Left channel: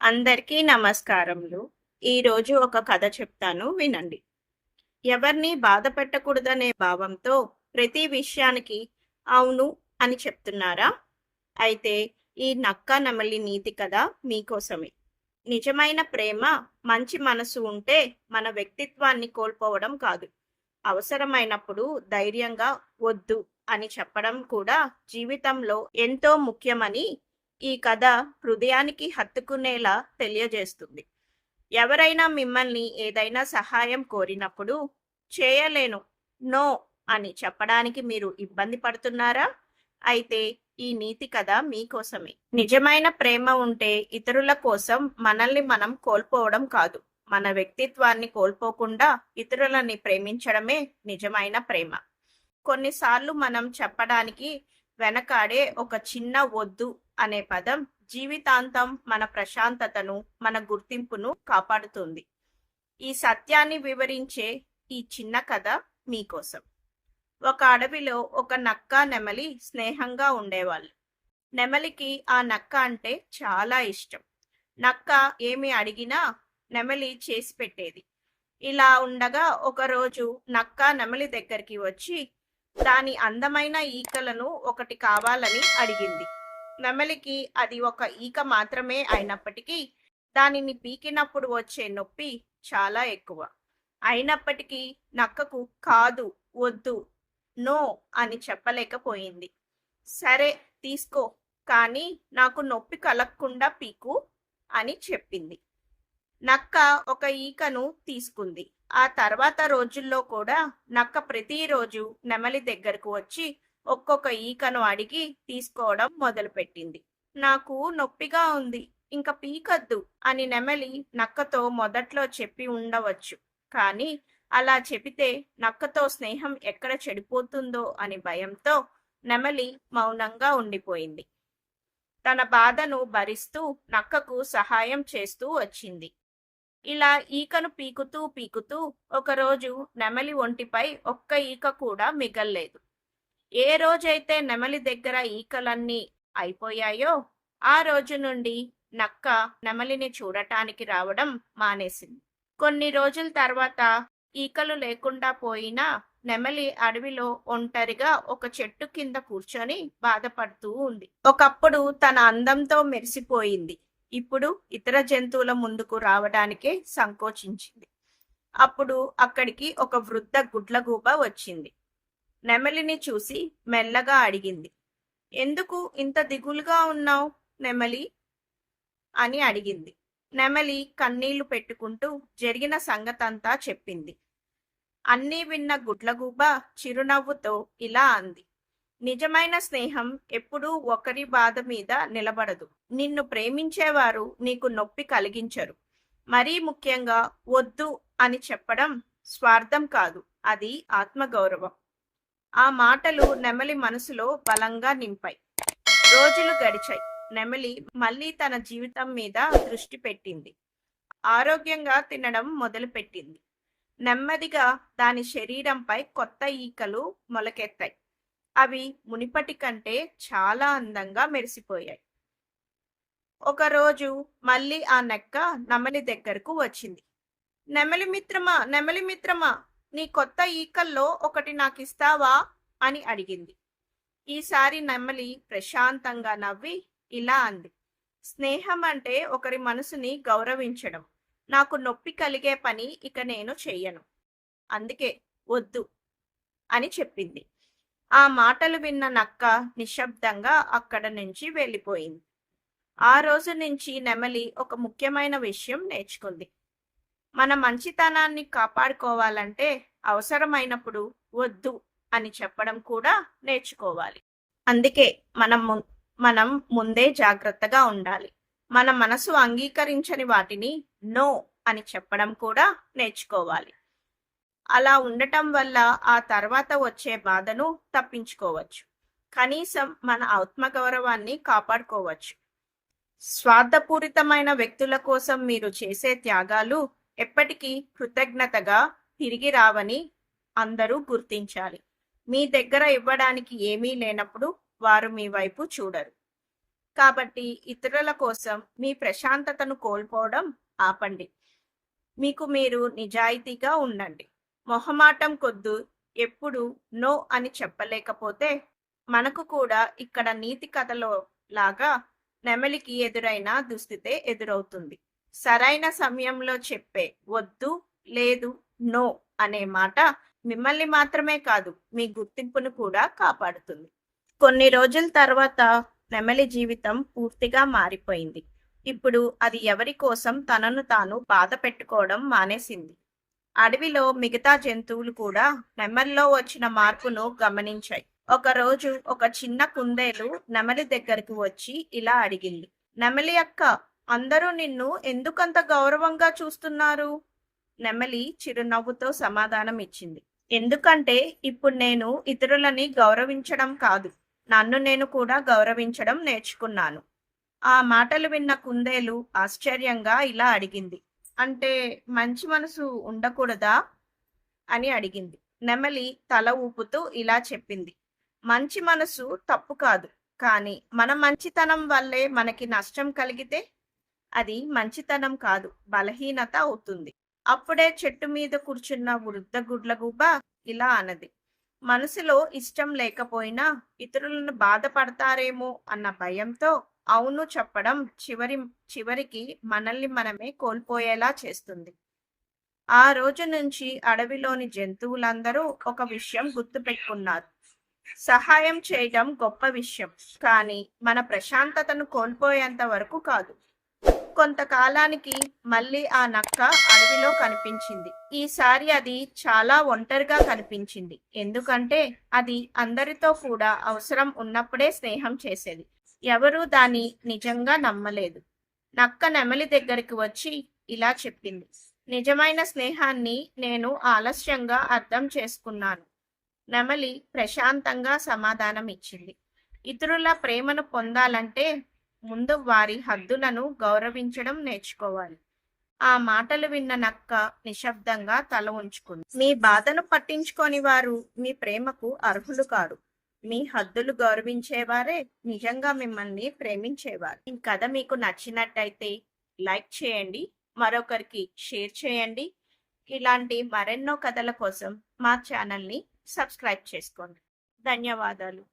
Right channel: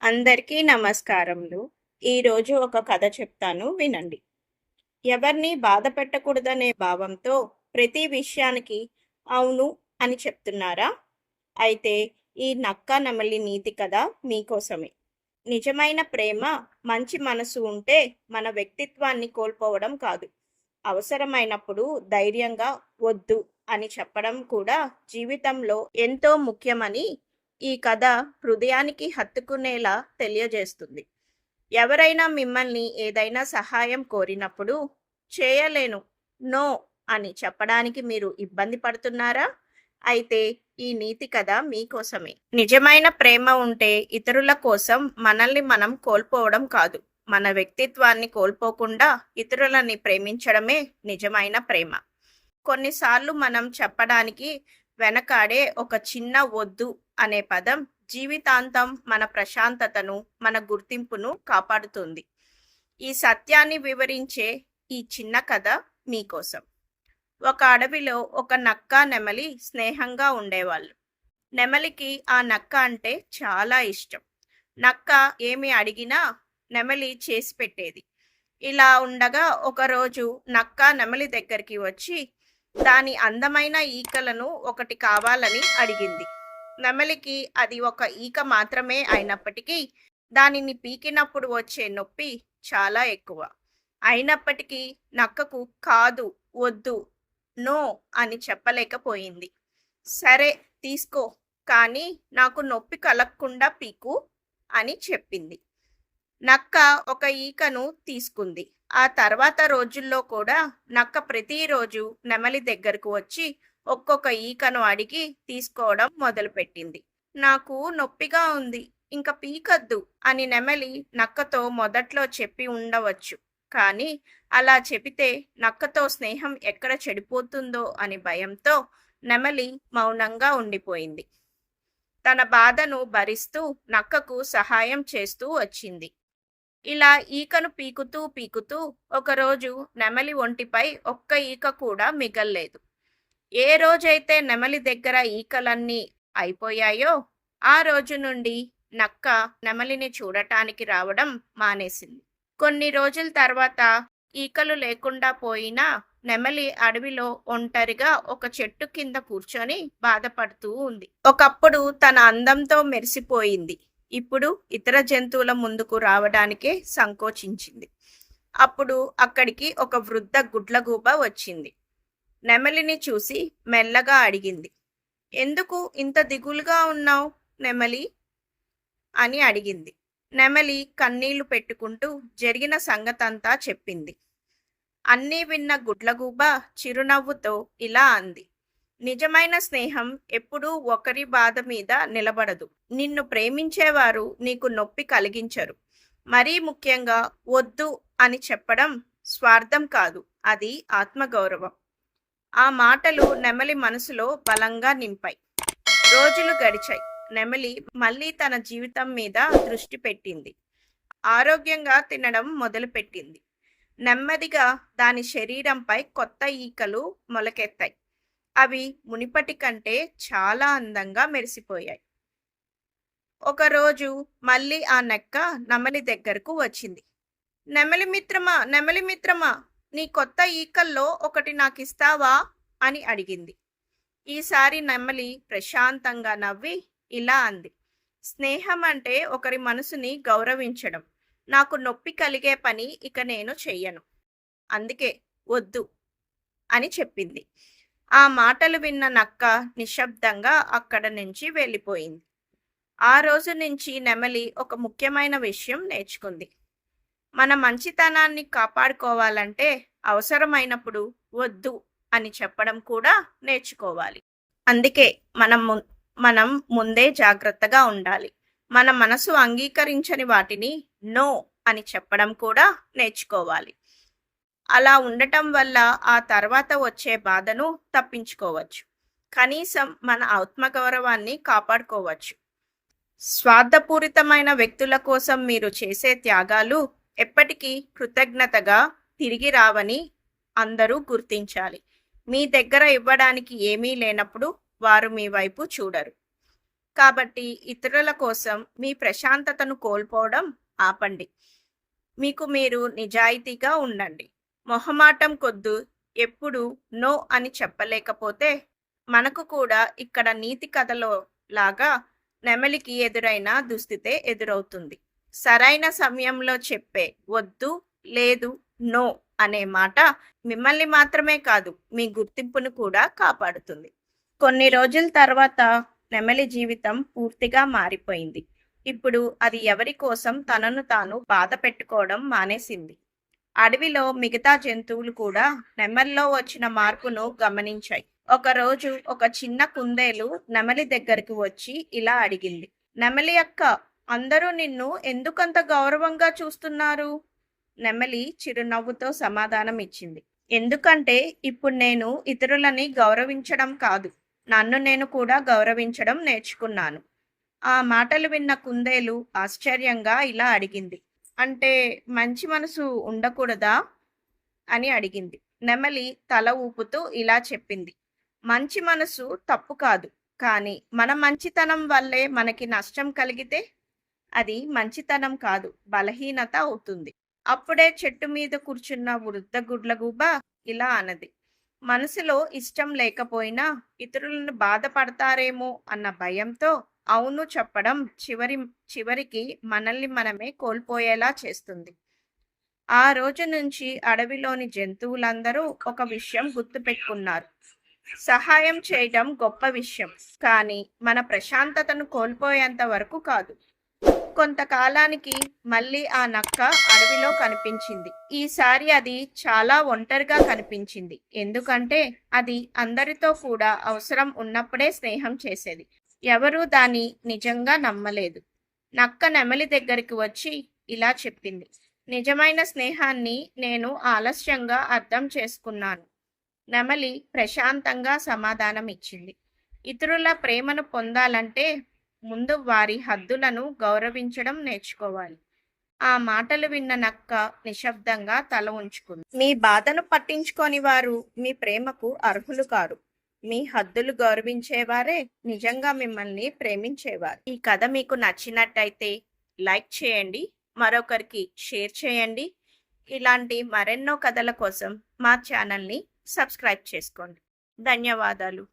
అందరికీ నమస్కారములు. ఈరోజు ఒక కథ చెప్తాను వినండి. ఎవరిని బాధ పెట్టకూడదనే భావంతో ప్రతి విషయానికి అవును అని చెప్తున్నారా? అయితే ఈ నక్క నెమలి నీతి కథ మీకోసమే. నిజమైన ప్రేమ, మంచి మనసు ఉంటే మన వ్యక్తిత్వాన్ని కోల్పోవడం కాదు. అవసరమైనప్పుడు ధైర్యంగా వద్దు అని చెప్పడం కూడా జీవితంలో ఎంతో ముఖ్యమని ఈ కథ హృదయానికి హత్తుకునేలా తెలియజేస్తుంది. ఎవరైనా మిమ్మల్ని ఏదైనా సహాయం కోరినప్పుడు చేయలేను, నో అని చెప్పడానికి మీరు ఇబ్బంది పడుతున్నారా? అయితే ఈ నీతి కథ మీకోసమే. నిజమైన ప్రేమ ఉంటే ఇతరుల కోసం మనల్ని మనం కోల్పోవడం కాదు, మన వ్యక్తిత్వాన్ని కోల్పోకుండా ఇతరులని ప్రేమించడమే నిజమైన ప్రేమ. కొన్నిసార్లు మనం చెప్పడానికి వెనకాడే ఒక చిన్న వద్దు అనే పదం జీవితాంతం మన ప్రశాంతతను, మన గుర్తింపును కాపాడుతుంది. ఈ సత్యాన్ని వివరించే ఈ చిన్న కథ మీకోసం. ఒక అడవిలో ఒక నక్క, నెమలి స్నేహంగా ఉండేవాళ్ళు. నెమలికి ఆ నక్క అంటే చాలా ఇష్టం. నక్క ఏమి అడిగినా నెమలి చేసి పెట్టేది. ఇలా ఉండగా ఒకరోజు నక్క నెమలి దగ్గరికి వచ్చి దాని అందమైన ఈకలను ఒకటి కావాలని అడిగింది. నెమలికి అది ఒక ఈక మాత్రమే అయినప్పటికీ దానిని పీకినప్పుడు వచ్చే నొప్పి చాలా ఎక్కువ. అయినప్పటికీ నక్కకు కాదు, వద్దు, నో అని చెప్పలేకపోయింది. సరే తీసుకో, కానీ నాకు నొప్పి కలగకుండా పీకు అని చెప్పింది. నక్క ఒక ఈకను తీసుకుంది. ఆ తర్వాత రోజుల్లో కూడా నక్క ప్రతిరోజు నెమలి దగ్గరకు వచ్చి ఒక్కొక్క ఈకను అడిగి తీసుకోవడం మొదలుపెట్టింది. నాకు నొప్పిగా ఉంది, ఇంకా పీకద్దు అని నెమలి నక్కతో మొదట్లో చెప్పి ఉండవచ్చు. కానీ అలా చెబితే నక్కతో స్నేహం ఎక్కడ చెడిపోతుందో అని భయంతో నెమలి మౌనంగా ఉండిపోయింది. తన బాధను భరిస్తూ నక్కకు సహాయం చేస్తూ వచ్చింది. ఇలా ఈకను పీకుతూ పీకుతూ ఒకరోజు నెమలి ఒంటిపై ఒక్క ఈక కూడా మిగల్లేదు. ఏ రోజైతే నెమలి దగ్గర ఈకలన్నీ అయిపోయాయో ఆ రోజు నుండి నక్క నెమలిని చూడటానికి రావడం మానేసింది. కొన్ని రోజుల తర్వాత ఈకలు లేకుండా పోయినా నెమలి అడవిలో ఒంటరిగా ఒక చెట్టు కింద కూర్చొని బాధపడుతూ ఉంది. ఒకప్పుడు తన అందంతో మెరిసిపోయింది. ఇప్పుడు ఇతర జంతువుల ముందుకు రావడానికే సంకోచించింది. అప్పుడు అక్కడికి ఒక వృద్ధ గుడ్లగూబ వచ్చింది. నెమలిని చూసి మెల్లగా అడిగింది, ఎందుకు ఇంత దిగులుగా ఉన్నావు నెమలి అని అడిగింది. నెమలి కన్నీళ్లు పెట్టుకుంటూ జరిగిన సంగతంతా చెప్పింది. అన్నీ విన్న గుడ్లగూబ చిరునవ్వుతో ఇలా అంది, నిజమైన స్నేహం ఎప్పుడూ ఒకరి బాధ మీద నిలబడదు. నిన్ను ప్రేమించేవారు నీకు నొప్పి కలిగించరు. మరీ ముఖ్యంగా వద్దు అని చెప్పడం స్వార్థం కాదు, అది ఆత్మగౌరవం. ఆ మాటలు నెమలి మనసులో బలంగా నింపాయి. రోజులు గడిచాయి. నెమలి మళ్ళీ తన జీవితం మీద దృష్టి పెట్టింది. ఆరోగ్యంగా తినడం మొదలుపెట్టింది. నెమ్మదిగా దాని శరీరంపై కొత్త ఈకలు మొలకెత్తాయి. అవి మునిపటి కంటే చాలా అందంగా మెరిసిపోయాయి. ఒకరోజు మళ్ళీ ఆ నక్క నెమలి దగ్గరకు వచ్చింది. నెమలి మిత్రమా, నెమలి మిత్రమా, నీ కొత్త ఈకల్లో ఒకటి నాకిస్తావా అని అడిగింది. ఈసారి నెమలి ప్రశాంతంగా నవ్వి ఇలా అంది, స్నేహం అంటే ఒకరి మనసుని గౌరవించడం. నాకు నొప్పి కలిగే పని ఇక నేను చెయ్యను, అందుకే వద్దు అని చెప్పింది. ఆ మాటలు విన్న నక్క నిశ్శబ్దంగా అక్కడ నుంచి వెళ్ళిపోయింది. ఆ రోజు నుంచి నెమలి ఒక ముఖ్యమైన విషయం నేర్చుకుంది. మన మంచితనాన్ని కాపాడుకోవాలంటే అవసరమైనప్పుడు వద్దు అని చెప్పడం కూడా నేర్చుకోవాలి. అందుకే మనం ముందే జాగ్రత్తగా ఉండాలి. మన మనసు అంగీకరించని వాటిని నో అని చెప్పడం కూడా నేర్చుకోవాలి. అలా ఉండటం వల్ల ఆ తర్వాత వచ్చే బాధను తప్పించుకోవచ్చు. కనీసం మన ఆత్మగౌరవాన్ని కాపాడుకోవచ్చు. స్వార్థపూరితమైన వ్యక్తుల కోసం మీరు చేసే త్యాగాలు ఎప్పటికీ కృతజ్ఞతగా తిరిగి రావని అందరూ గుర్తించాలి. మీ దగ్గర ఇవ్వడానికి ఏమీ లేనప్పుడు వారు మీ వైపు చూడరు. కాబట్టి ఇతరుల కోసం మీ ప్రశాంతతను కోల్పోవడం ఆపండి. మీకు మీరు నిజాయితీగా ఉండండి. మొహమాటం కొద్దు ఎప్పుడు నో అని చెప్పలేకపోతే మనకు కూడా ఇక్కడ నీతి కథలో లాగా నెమలికి ఎదురైన దుస్థితే ఎదురవుతుంది. సరైన సమయంలో చెప్పే వద్దు, లేదు, నో అనే మాట మిమ్మల్ని మాత్రమే కాదు మీ గుర్తింపును కూడా కాపాడుతుంది. కొన్ని రోజుల తర్వాత నెమలి జీవితం పూర్తిగా మారిపోయింది. ఇప్పుడు అది ఎవరి కోసం తనను తాను బాధ పెట్టుకోవడం మానేసింది. అడవిలో మిగతా జంతువులు కూడా నెమలిలో వచ్చిన మార్పును గమనించాయి. ఒకరోజు ఒక చిన్న కుందేలు నెమలి దగ్గరికి వచ్చి ఇలా అడిగింది. నెమలి అక్క, అందరూ నిన్ను ఎందుకంత గౌరవంగా చూస్తున్నారు? నెమలి చిరునవ్వుతో సమాధానం ఇచ్చింది. ఎందుకంటే ఇప్పుడు నేను ఇతరులని గౌరవించడం కాదు, నన్ను నేను కూడా గౌరవించడం నేర్చుకున్నాను. ఆ మాటలు విన్న కుందేలు ఆశ్చర్యంగా ఇలా అడిగింది. అంటే మంచి మనసు ఉండకూడదా అని అడిగింది. నెమలి తల ఊపుతూ ఇలా చెప్పింది. మంచి మనసు తప్పు కాదు, కానీ మన మంచితనం వల్లే మనకి నష్టం కలిగితే అది మంచితనం కాదు, బలహీనత అవుతుంది. అప్పుడే చెట్టు మీద కూర్చున్న వృద్ధ గుడ్లగూబ ఇలా అన్నది. మనసులో ఇష్టం లేకపోయినా ఇతరులను బాధపడతారేమో అన్న భయంతో అవును చెప్పడం చివరికి మనల్ని మనమే కోల్పోయేలా చేస్తుంది. ఆ రోజు నుంచి అడవిలోని జంతువులందరూ ఒక విషయం గుర్తుపెట్టుకున్నారు. సహాయం చేయడం గొప్ప విషయం, కానీ మన ప్రశాంతతను కోల్పోయేంత వరకు కాదు. కొంతకాలానికి మళ్ళీ ఆ నక్క అడవిలో కనిపించింది. ఈసారి అది చాలా ఒంటరిగా కనిపించింది. ఎందుకంటే అది అందరితో కూడా అవసరం ఉన్నప్పుడే స్నేహం చేసేది. ఎవరూ దాన్ని నిజంగా నమ్మలేదు. నక్క నెమలి దగ్గరికి వచ్చి ఇలా చెప్పింది. నిజమైన స్నేహాన్ని నేను ఆలస్యంగా అర్థం చేసుకున్నాను. నెమలి ప్రశాంతంగా సమాధానం ఇచ్చింది. ఇతరుల ప్రేమను పొందాలంటే ముందు వారి హద్దులను గౌరవించడం నేర్చుకోవాలి. ఆ మాటలు విన్న నక్క నిశ్శబ్దంగా తల ఉంచుకుంది. మీ బాధను పట్టించుకోని వారు మీ ప్రేమకు అర్హులు కారు. మీ హద్దులు గౌరవించేవారే నిజంగా మిమ్మల్ని ప్రేమించేవారు. ఈ కథ మీకు నచ్చినట్టయితే లైక్ చేయండి, మరొకరికి షేర్ చేయండి. ఇలాంటి మరెన్నో కథల కోసం మా ఛానల్ని సబ్స్క్రైబ్ చేసుకోండి. ధన్యవాదాలు.